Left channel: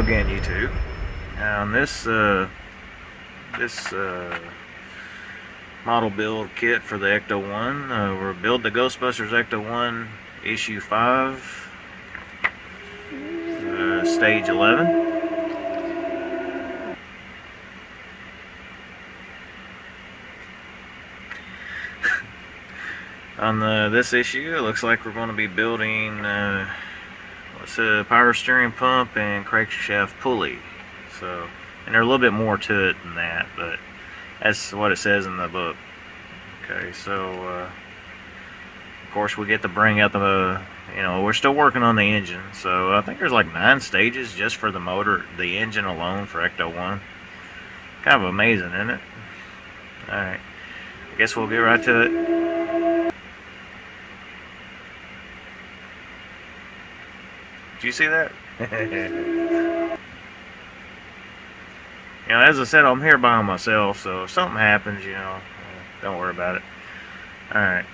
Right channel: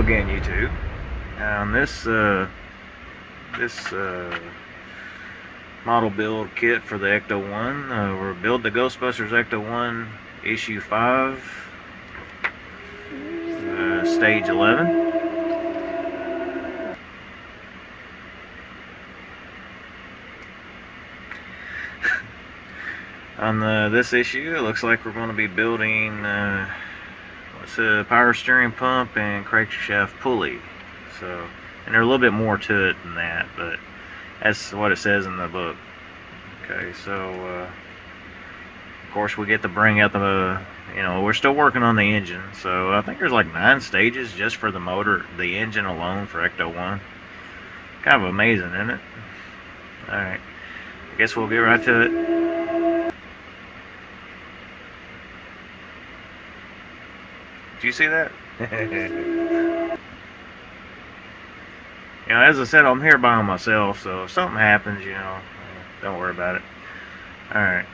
again, YouTube. On this model build kit for the Ecto-1, we're Build the Ghostbusters Ecto-1 issue 5, stage 11. On this issue, it looks like we're going to be building what's a power steering pump and crankshaft pulley. So, and there's a little bit more to it than that, but that's what it says in the book. Okay, so of course we get to bring out the, we're still working on the engine. So I think there's like 9 stages just for the motor, the engine alone for Ecto-1. Kind of amazing, isn't it? Alright, I guess we'll get right to it. Did you see that? As I said, I'm here by myself, so if something happens, don't worry about it. Alright,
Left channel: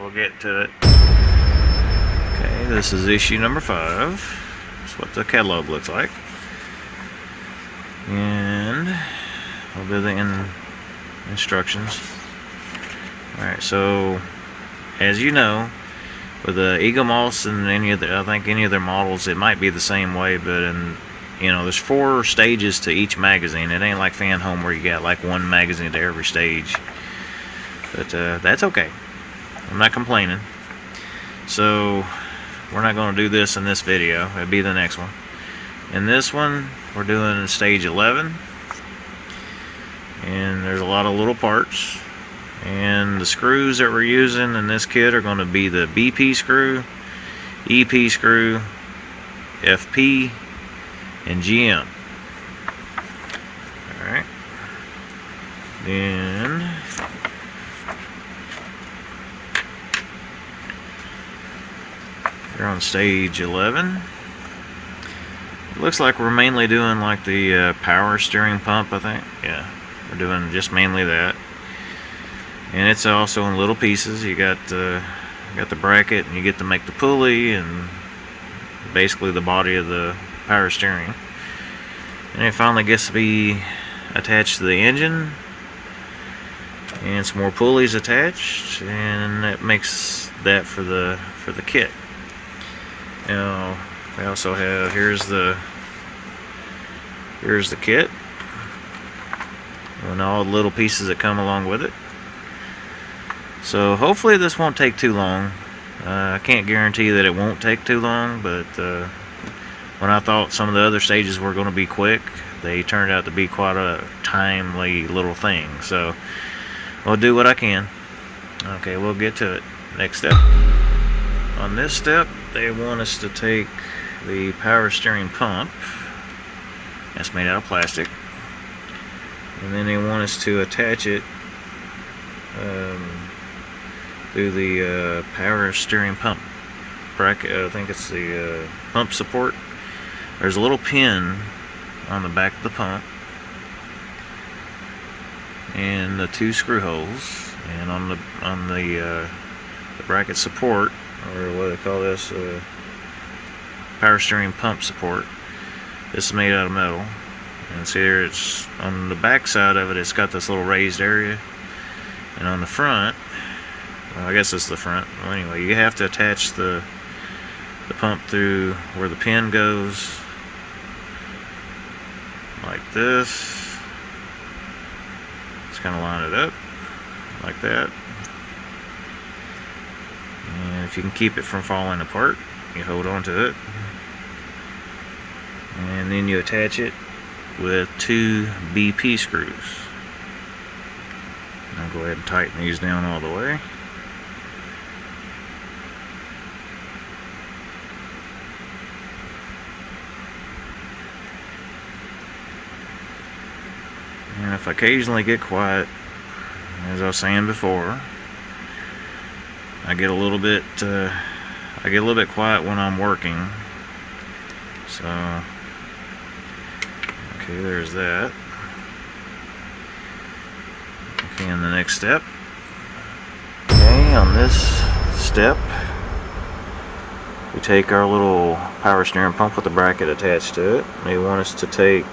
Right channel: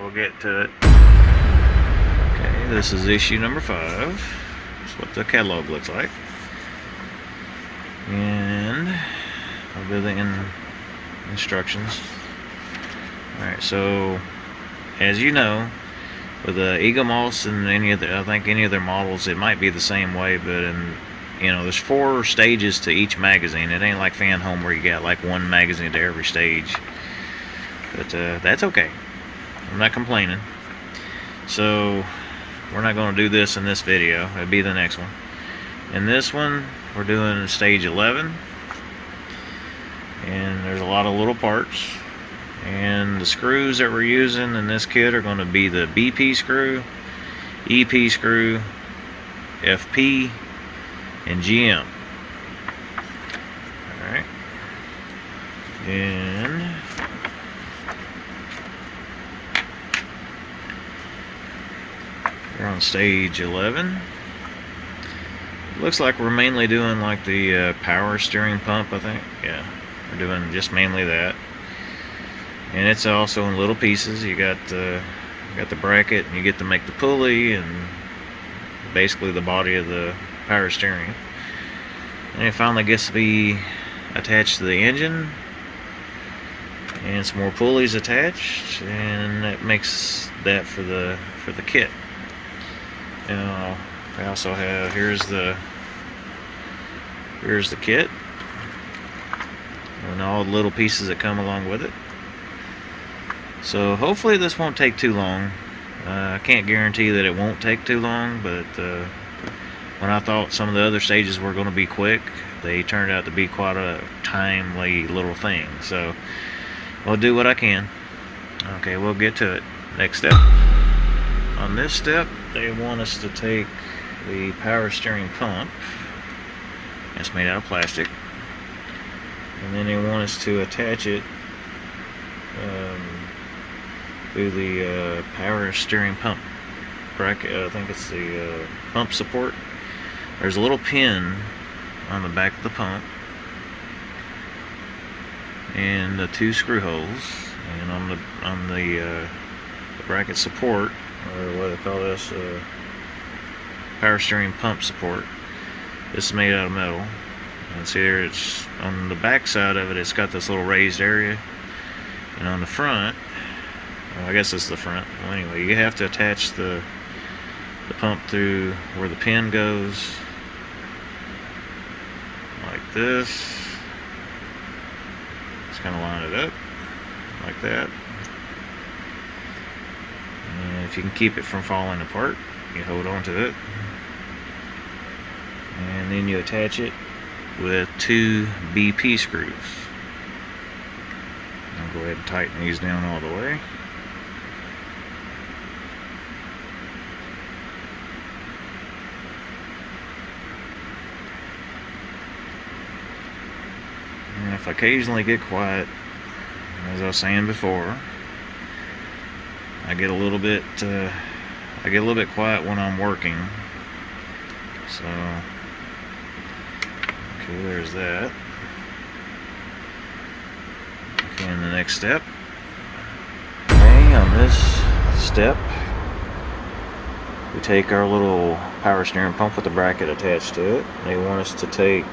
we'll get to it. Okay, this is issue number 5. That's what the catalog looks like. And I'll do the instructions. Alright, so as you know, with the eaglemoss and I think any of their models, it might be the same way, but there's 4 stages to each magazine. It ain't like Fan Home where you got like 1 magazine to every stage. But that's okay. I'm not complaining. So we're not going to do this in this video. It'll be the next one. In this one, we're doing stage 11. And there's a lot of little parts. And the screws that we're using in this kit are going to be the BP screw, EP screw, FP, and GM. Alright. Then we're on stage 11. It looks like we're mainly doing like the power steering pump, I think. Yeah, we're doing just mainly that. And it's also in little pieces. You got the bracket, and you get to make the pulley and basically the body of the power steering. And it finally gets to be attached to the engine, and some more pulleys attached, and that makes that for the kit. Now they also have here's the kit and all the little pieces that come along with it. So hopefully this won't take too long. I can't guarantee that it won't take too long, but when I thought some of the other stages were going to be quick, they turned out to be quite a timely little thing. So I'll do what I can. Okay, we'll get to it. Next step. On this step, they want us to take the power steering pump. That's made out of plastic. And then they want us to attach it to the power steering pump bracket. I think it's the pump support. There's a little pin on the back of the pump, and the 2 screw holes, and on the bracket support, or what they call this, power steering pump support. This is made out of metal, and see here, it's on the back side of it. It's got this little raised area, and on the front, I guess it's the front. Well, anyway, you have to attach the pump through where the pin goes, like this. Just kind of line it up like that, and if you can keep it from falling apart, you hold on to it, and then you attach it with 2 BP screws. I'll go ahead and tighten these down all the way. And if I occasionally get quiet, as I was saying before, I get a little bit quiet when I'm working. So, okay, there's that. Okay, and the next step. Okay, on this step, we take our little power steering pump with the bracket attached to it. They want us to take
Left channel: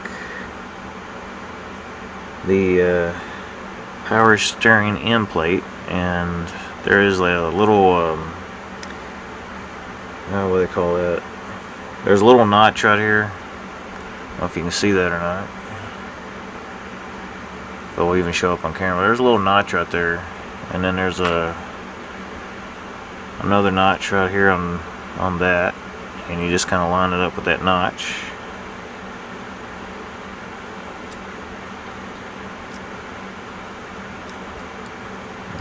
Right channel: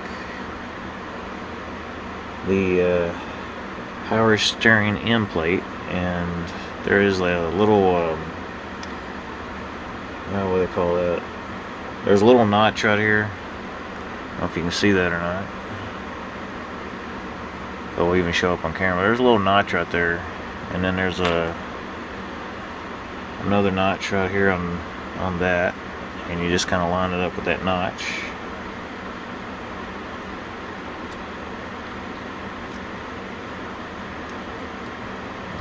the power steering end plate, and there is a little what do they call that? There's a little notch right here. I don't know if you can see that or not. It will even show up on camera. There's a little notch right there, and then there's another notch right here on that, and you just kind of line it up with that notch.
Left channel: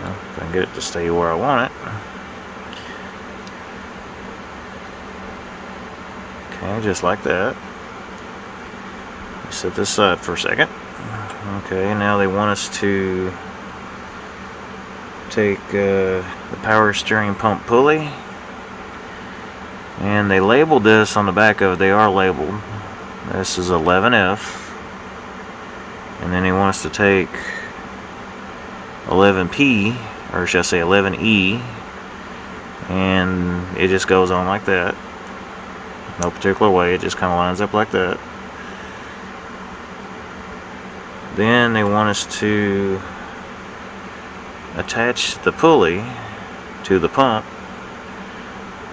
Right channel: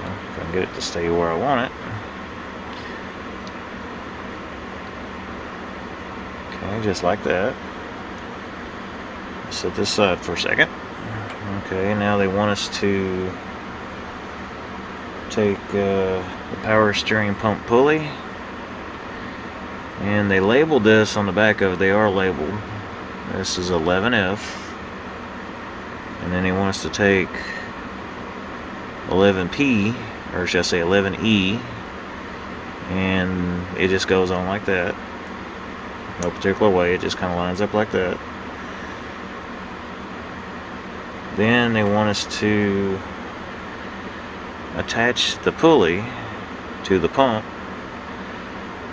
If I can get it to stay where I want it. Okay, just like that. Set this aside for a second. Okay, now they want us to take the power steering pump pulley, and they labeled this on the back of it. They are labeled. This is 11F, and then they want us to take 11P, or should I say 11E, and it just goes on like that. No particular way, it just kind of lines up like that. Then they want us to attach the pulley to the pump,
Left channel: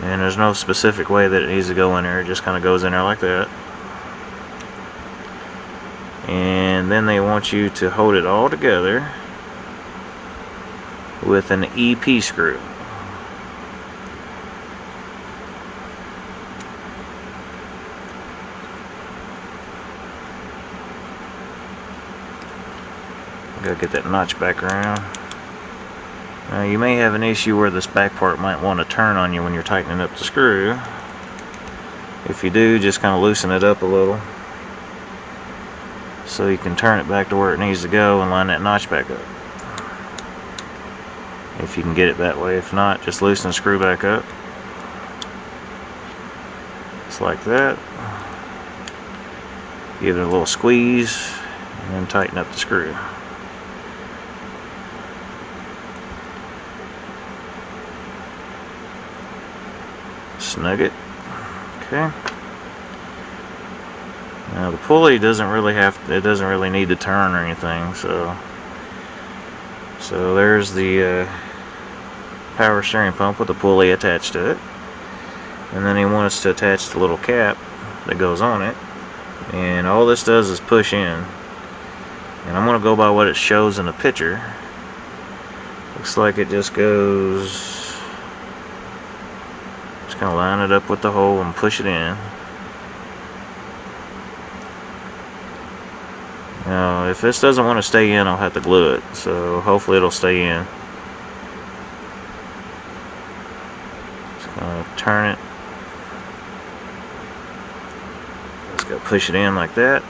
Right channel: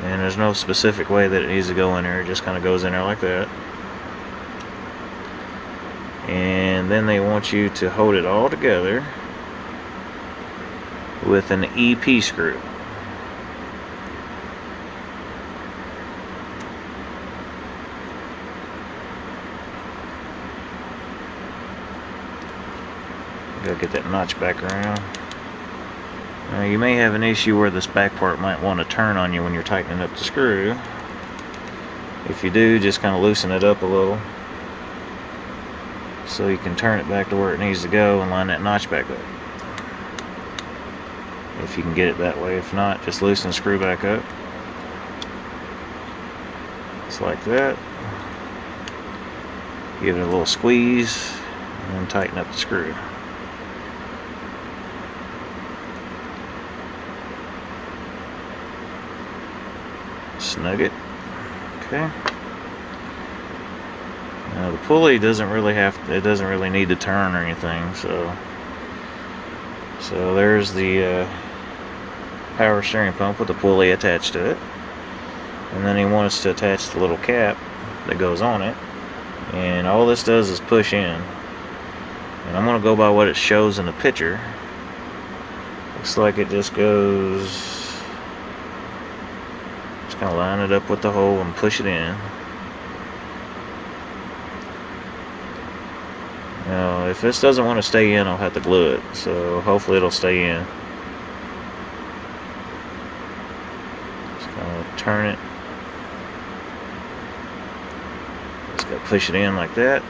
and there's no specific way that it needs to go in there. It just kind of goes in there like that. And then they want you to hold it all together with an EP screw. Gotta get that notch back around. Now you may have an issue where this back part might want to turn on you when you're tightening up the screw. If you do, just kind of loosen it up a little so you can turn it back to where it needs to go and line that notch back up. If you can get it that way. If not, just loosen the screw back up. Just like that. Give it a little squeeze and then tighten up the screw. Snug it. Okay. Now the pulley doesn't really need to turn or anything, so there's the power steering pump with the pulley attached to it. And then they want us to attach the little cap that goes on it. And all this does is push in. And I'm going to go by what it shows in the picture. Looks like it just goes... Just kind of line it up with the hole and push it in. Now, if this doesn't want to stay in, I'll have to glue it. So hopefully it'll stay in. Just gonna turn it. Just gotta push it in like that.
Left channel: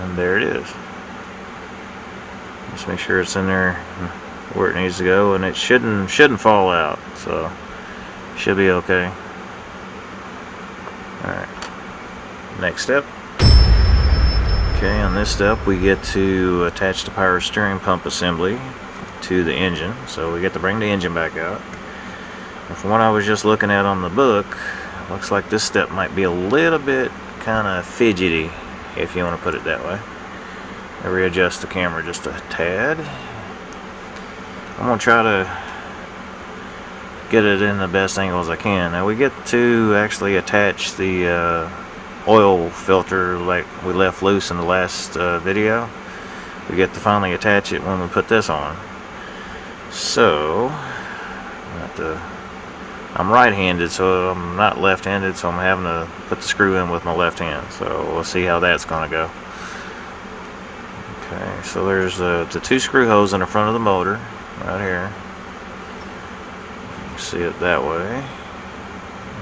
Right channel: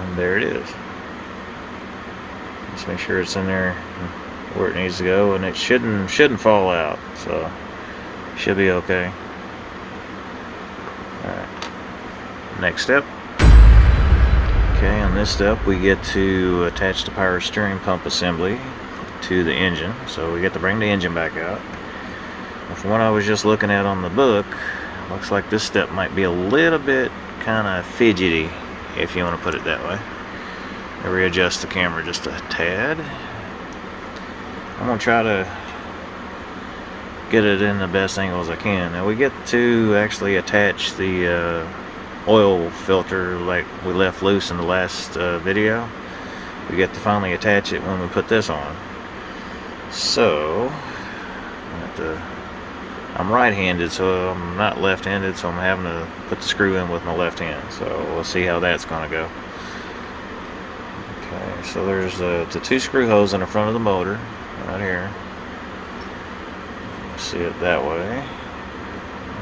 And there it is. Just make sure it's in there where it needs to go, and it shouldn't fall out. So should be okay. Alright. Next step. Okay, on this step we get to attach the power steering pump assembly to the engine. So we get to bring the engine back out. And from what I was just looking at on the book, looks like this step might be a little bit kind of fidgety, if you want to put it that way. I readjust the camera just a tad. I'm going to try to get it in the best angles I can. Now we get to actually attach the oil filter like we left loose in the last video. We get to finally attach it when we put this on. So I'm right-handed, so I'm not left-handed, so I'm having to put the screw in with my left hand. So we'll see how that's going to go. Okay, so there's the two screw holes in the front of the motor right here. See it that way,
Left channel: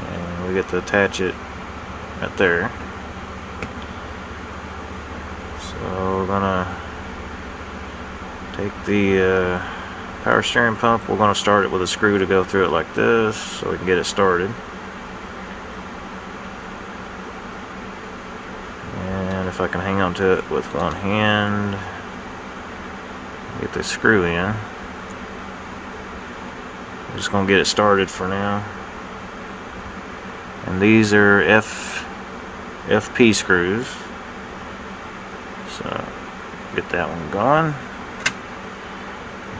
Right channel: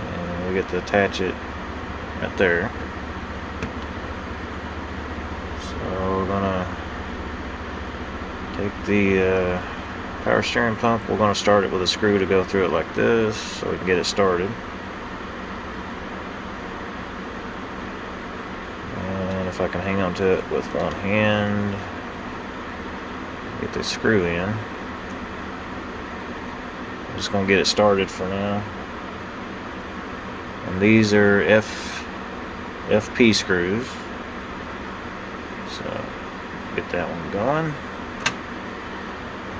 and we get to attach it right there. So we're gonna take the power steering pump. We're gonna start it with a screw to go through it like this, so we can get it started. And if I can hang on to it with one hand, get the screw in. I'm just going to get it started for now. And these are FP screws. So get that one going.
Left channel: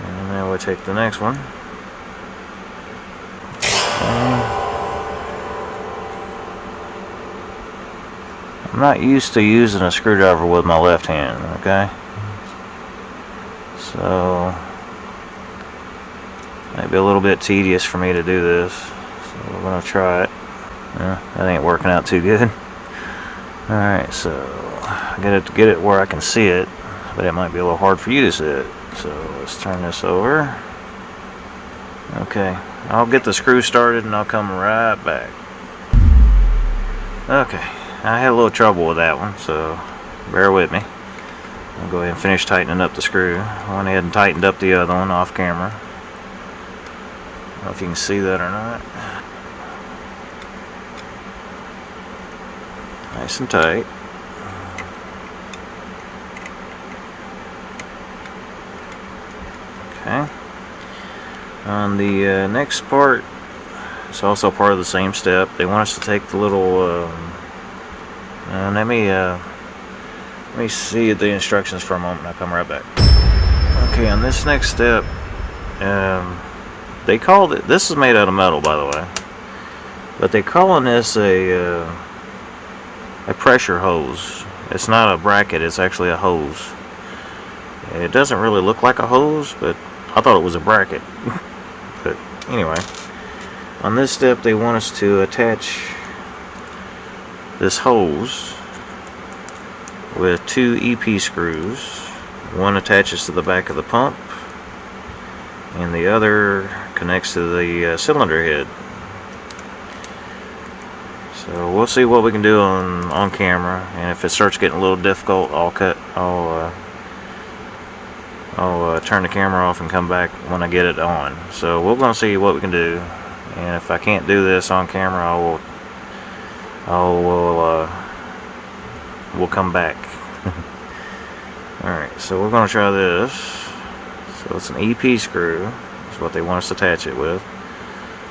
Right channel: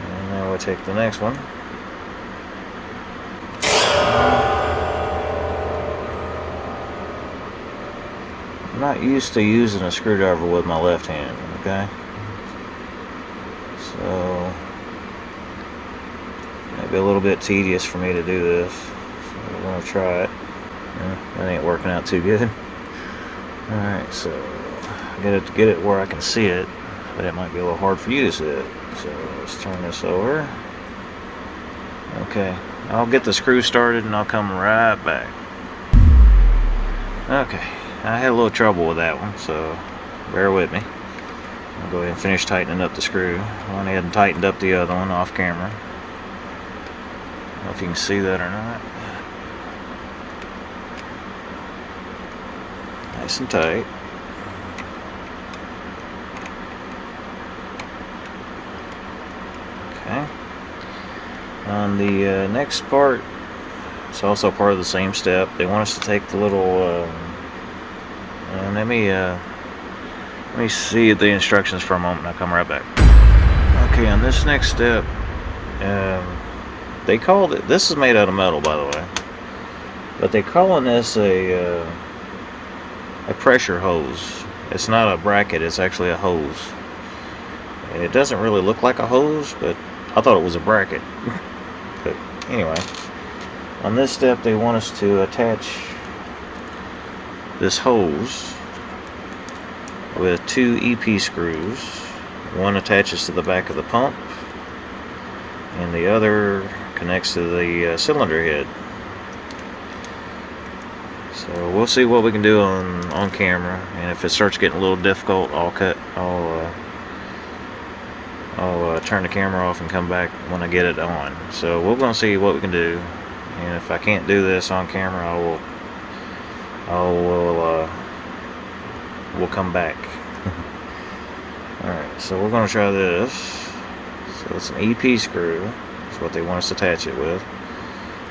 And now we'll take the next one. I'm not used to using a screwdriver with my left hand, okay? So maybe a little bit tedious for me to do this. So we're gonna try it. That ain't working out too good. Alright, so I gotta get it where I can see it, but it might be a little hard for you to see it. So let's turn this over. Okay, I'll get the screw started and I'll come right back. Okay, I had a little trouble with that one, so bear with me. I'll go ahead and finish tightening up the screw. I went ahead and tightened up the other one off camera. I don't know if you can see that or not. Nice and tight. Okay. On the next part, it's also part of the same step. They want us to take the little. Let me see the instructions for a moment. I'll come right back. Okay, on this next step, they called it. This is made out of metal, by the way, but they calling this a pressure hose. It's not a bracket. It's actually a hose. It doesn't really look like a hose, but I thought it was a bracket. But anyway, on this step they want us to attach this hose with 2 EP screws. One attaches to the back of the pump and the other connects to the cylinder head. So we'll see what we can do on camera, and if it starts getting a little difficult, I'll turn the camera off and come back when I get it on. So we're going to see what we can do, and if I can't do this on camera, we'll come back. Alright, so we're going to try this. So it's an EP screw. That's what they want us to attach it with.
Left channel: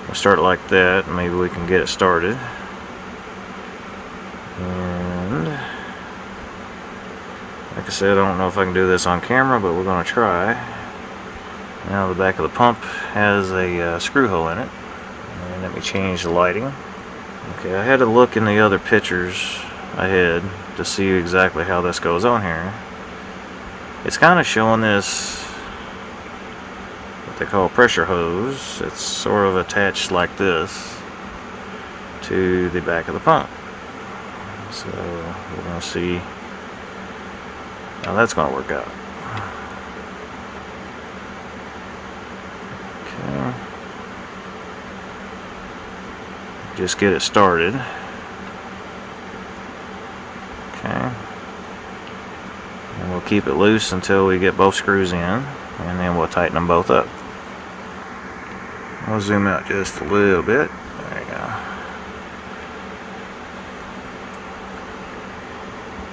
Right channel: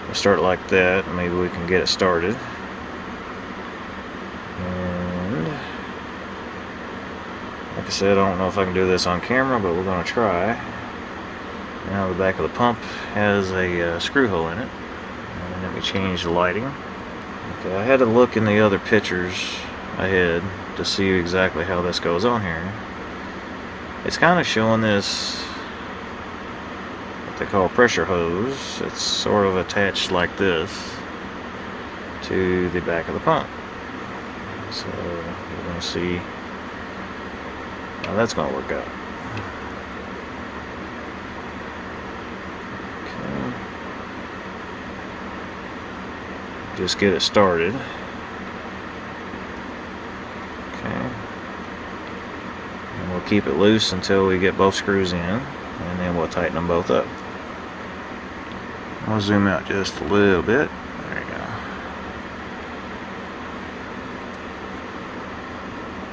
We'll start it like that, and maybe we can get it started. And like I said, I don't know if I can do this on camera, but we're going to try. Now the back of the pump has a screw hole in it. And let me change the lighting. Okay, I had to look in the other pictures I had to see exactly how this goes on here. It's kind of showing this, what they call a pressure hose. It's sort of attached like this to the back of the pump. So we're going to see how that's going to work out. Okay. Just get it started. Okay. And we'll keep it loose until we get both screws in, and then we'll tighten them both up. I'll zoom out just a little bit. There you go.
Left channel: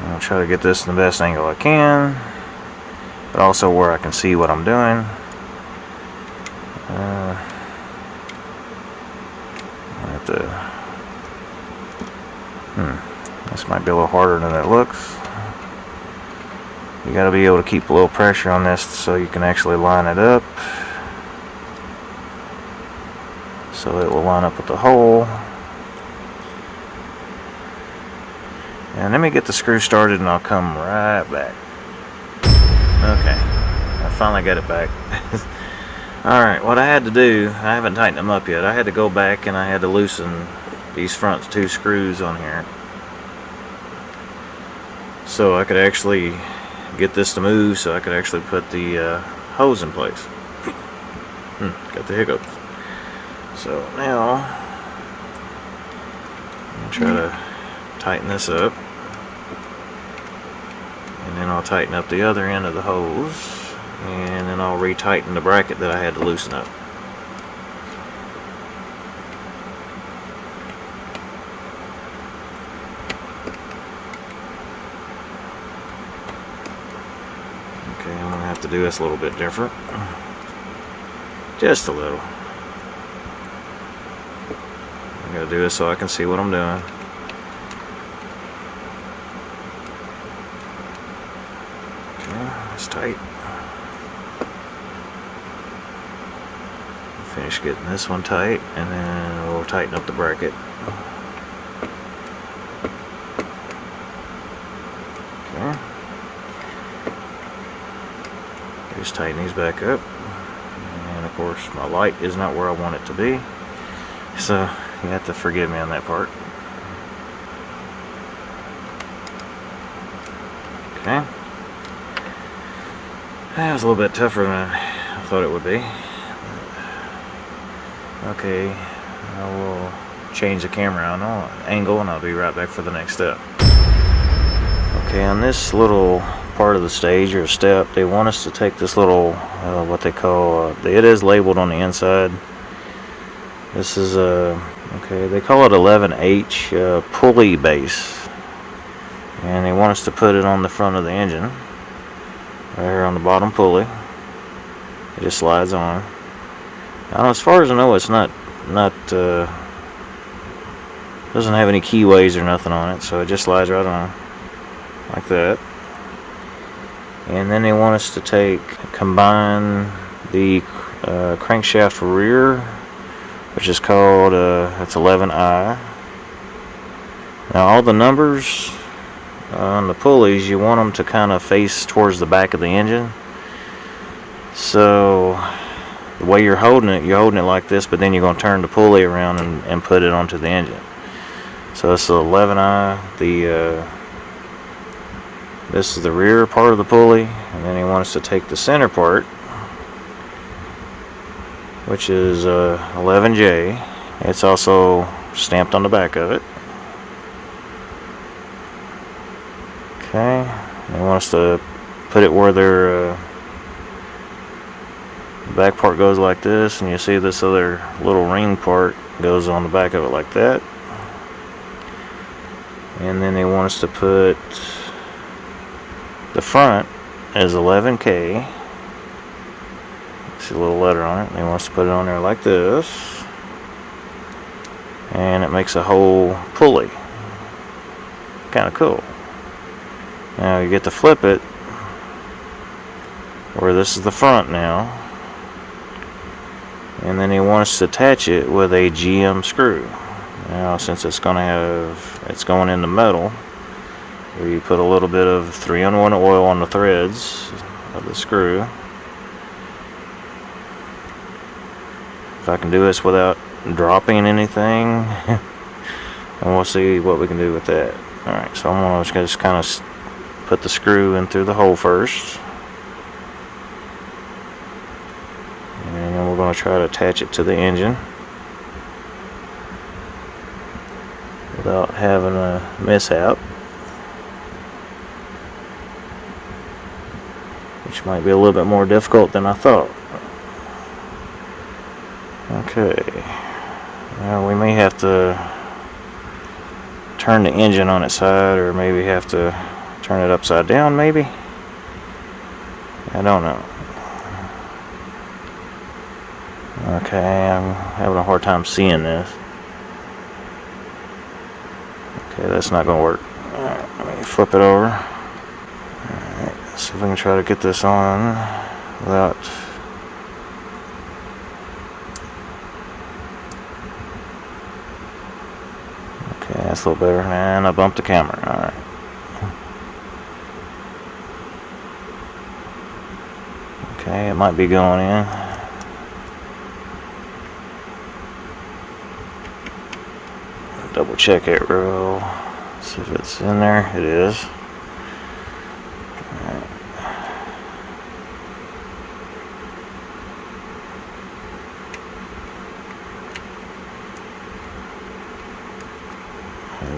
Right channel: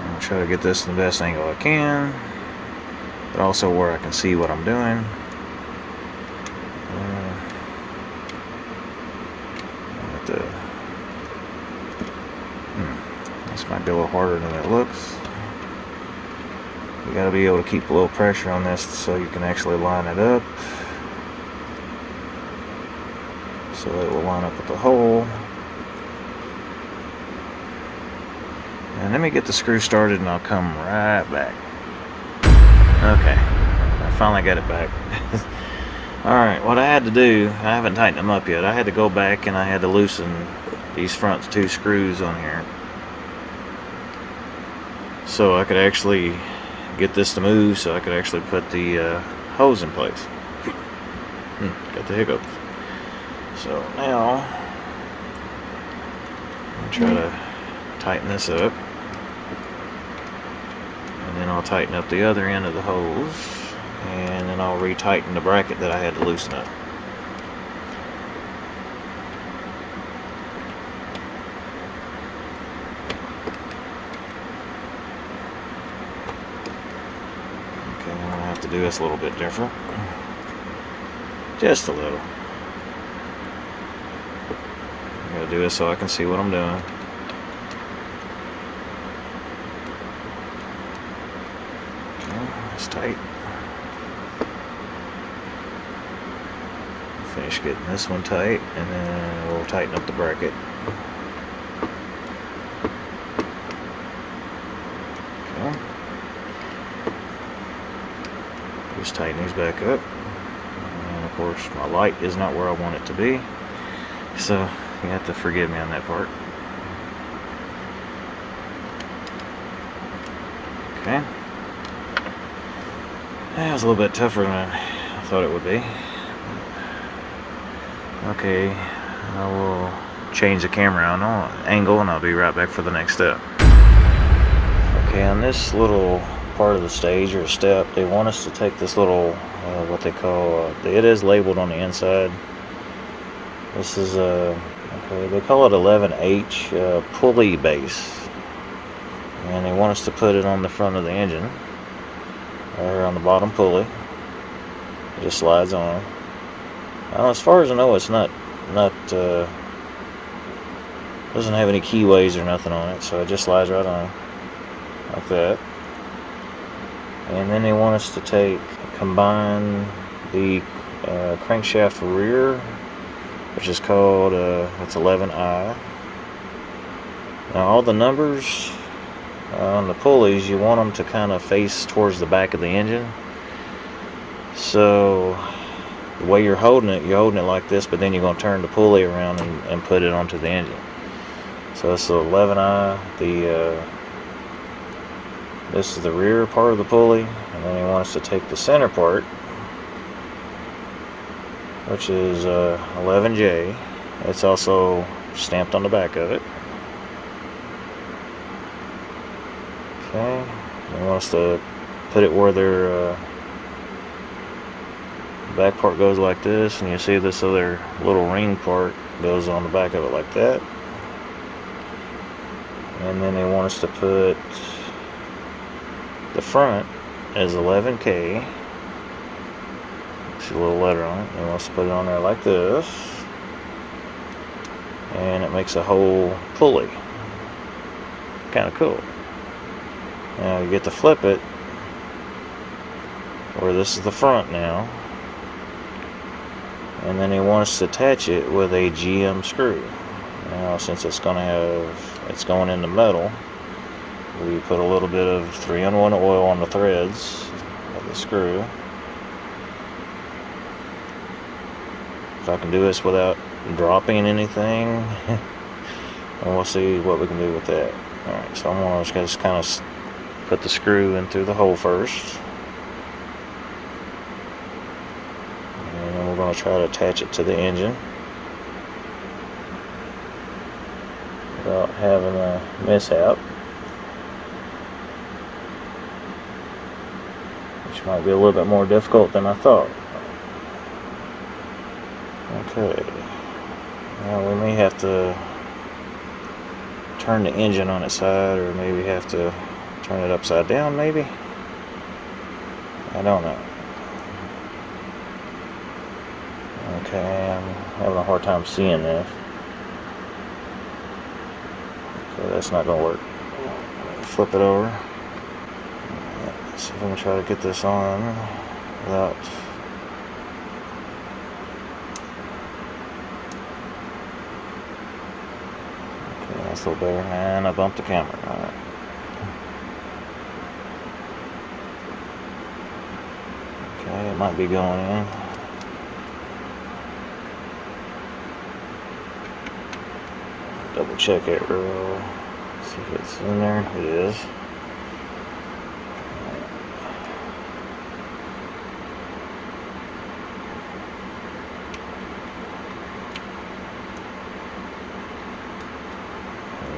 I'll try to get this in the best angle I can, but also where I can see what I'm doing. This might be a little harder than it looks. You got to be able to keep a little pressure on this so you can actually line it up, so it will line up with the hole. And let me get the screw started and I'll come right back. Okay, I finally got it back. Alright, what I had to do, I haven't tightened them up yet. I had to go back and I had to loosen these front 2 screws on here, so I could actually get this to move, so I could actually put the hose in place. Got the hiccups. So now I'm try to tighten this up, and then I'll tighten up the other end of the hose, and then I'll retighten the bracket that I had to loosen up. Okay, I'm going to have to do this a little bit different. Just a little. I'm going to to do this so I can see what I'm doing. Okay, it's tight. Finish getting this one tight, and then we'll tighten up the bracket. Okay. Just tighten these back up. And of course, my light is not where I want it to be, so you have to forgive me on that part. Okay. That was a little bit tougher than I thought it would be. Okay, I will change the camera angle and I'll be right back for the next step. Okay, on this little part of the stage or step, they want us to take this little, what they call, it is labeled on the inside. This is okay, they call it 11H Pulley Base. And they want us to put it on the front of the engine. Right here on the bottom pulley. It just slides on. Now, as far as I know, it's not doesn't have any keyways or nothing on it, so it just slides right on, like that. And then they want us to combine the crankshaft rear, which is called it's 11I. Now, all the numbers on the pulleys, you want them to kind of face towards the back of the engine. So the way you're holding it like this, but then you're going to turn the pulley around and put it onto the engine. So it's the 11I. This is the rear part of the pulley, and then he wants us to take the center part, which is 11J. It's also stamped on the back of it. Okay, they want us to put it where their back part goes like this, and you see this other little ring part goes on the back of it like that. And then they want us to put the front as 11K. See a little letter on it. They want us to put it on there like this, and it makes a whole pulley. Kind of cool. Now you get to flip it where this is the front now, and then they want us to attach it with a GM screw. Now, since it's going in the metal, we put a little bit of 3-in-1 oil on the threads of the screw. If I can do this without dropping anything, and we'll see what we can do with that. Alright, so I'm going to just kind of put the screw in through the hole first, and then we're going to try to attach it to the engine without having a mishap, which might be a little bit more difficult than I thought. Okay, well, we may have to turn the engine on its side, or maybe have to turn it upside down, maybe? I don't know. Okay, I'm having a hard time seeing this. Okay, that's not going to work. Alright, let me flip it over. Alright, let's see if we can try to get this on without... Okay, that's a little better. And I bumped the camera. Alright. Okay, it might be going in. Double check it real. See if it's in there. It is. Alright.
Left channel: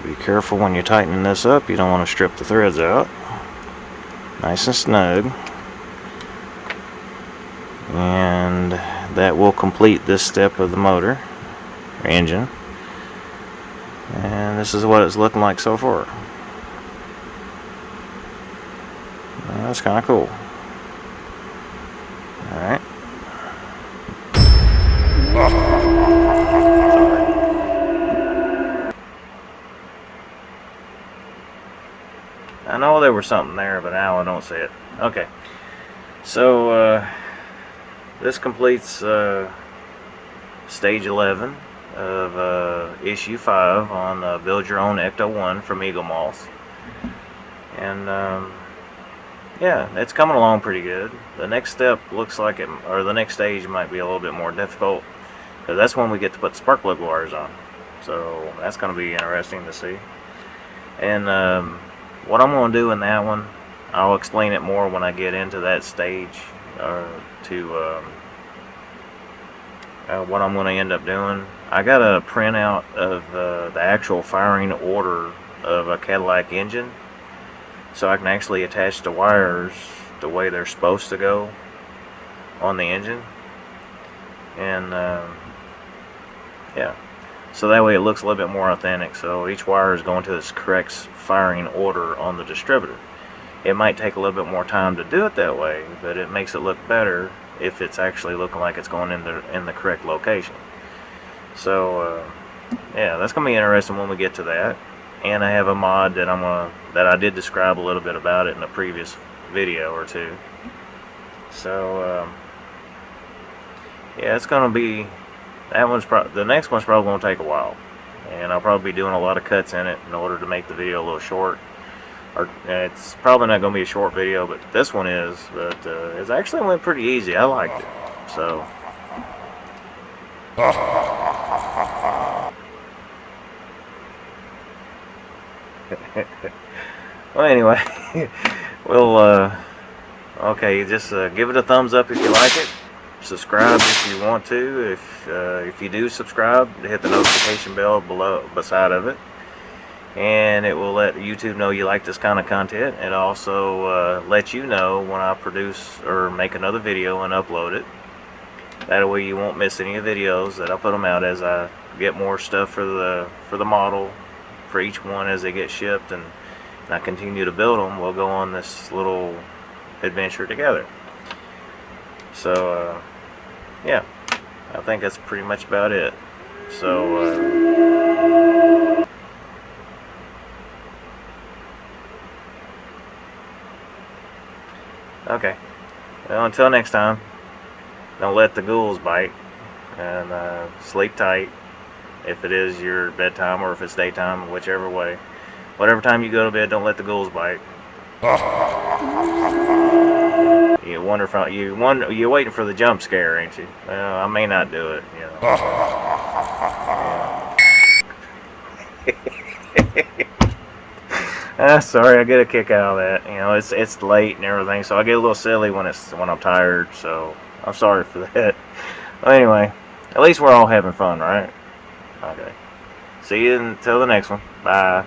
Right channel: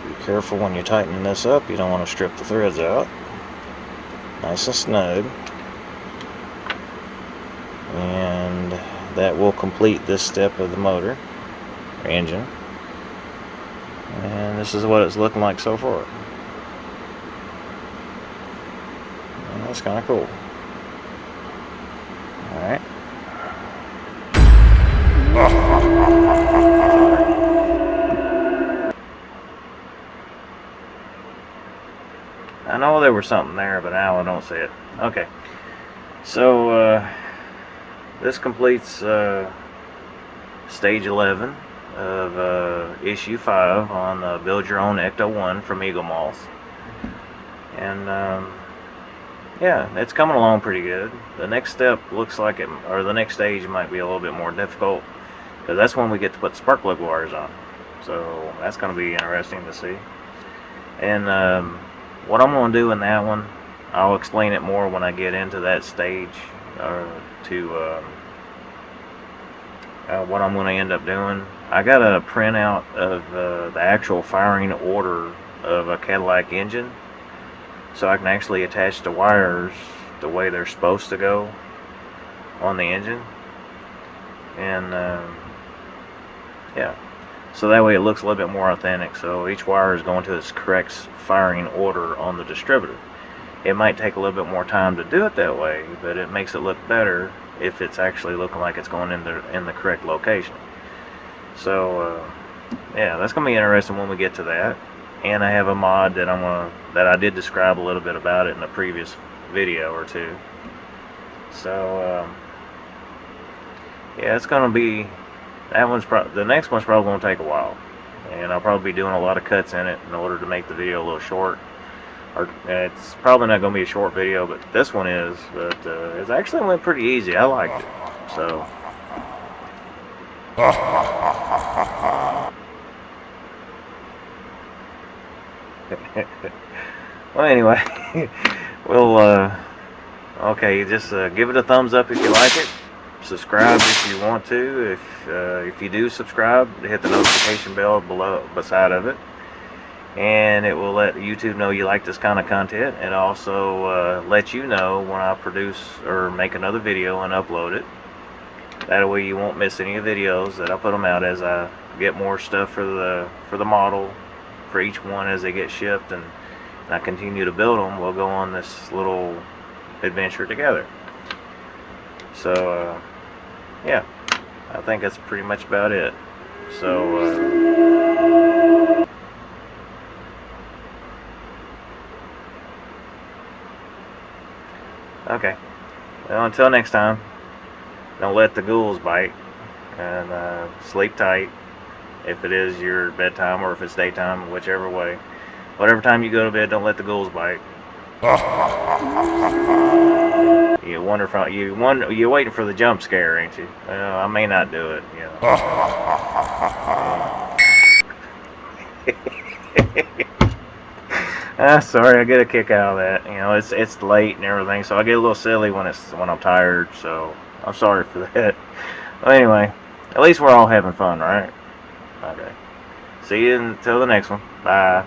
Be careful when you're tightening this up. You don't want to strip the threads out. Nice and snug. And that will complete this step of the motor or engine. And this is what it's looking like so far. And that's kind of cool. Alright. I know there was something there, but now I don't see it. Okay. So, this completes stage 11 of issue 5 on Build Your Own Ecto-1 from eaglemoss. And, yeah, it's coming along pretty good. The next step looks like or the next stage might be a little bit more difficult, because that's when we get to put spark plug wires on. So, that's going to be interesting to see. And, what I'm going to do in that one, I'll explain it more when I get into that stage, what I'm going to end up doing. I got a printout of the actual firing order of a Cadillac engine, so I can actually attach the wires the way they're supposed to go on the engine. And yeah, so that way it looks a little bit more authentic. So each wire is going to its correct firing order on the distributor. It might take a little bit more time to do it that way, but it makes it look better if it's actually looking like it's going in the correct location. So yeah, that's gonna be interesting when we get to that. And I have a mod that I did describe a little bit about it in a previous video or two. So yeah, it's gonna be, the next one's probably gonna take a while, and I'll probably be doing a lot of cuts in it in order to make the video a little short. Or it's probably not going to be a short video, but this one is. But it actually went pretty easy. I liked it. So. Well, anyway, we'll okay. Just give it a thumbs up if you like it. Subscribe if you want to. If you do subscribe, hit the notification bell beside of it. And it will let YouTube know you like this kind of content, and also let you know when I produce or make another video and upload it. That way you won't miss any of the videos that I put them out as I get more stuff for the model for each one as they get shipped, and I continue to build them. We'll go on this little adventure together. So yeah, I think that's pretty much about it. So okay, well, until next time, don't let the ghouls bite, and sleep tight if it is your bedtime or if it's daytime, whichever way. Whatever time you go to bed, don't let the ghouls bite. You're waiting for the jump scare, ain't you? Well, I may not do it, you know. Sorry, I get a kick out of that. You know, it's late and everything, so I get a little silly when I'm tired. So I'm sorry for that. Well, anyway, at least we're all having fun, right? Okay. See you until the next one. Bye.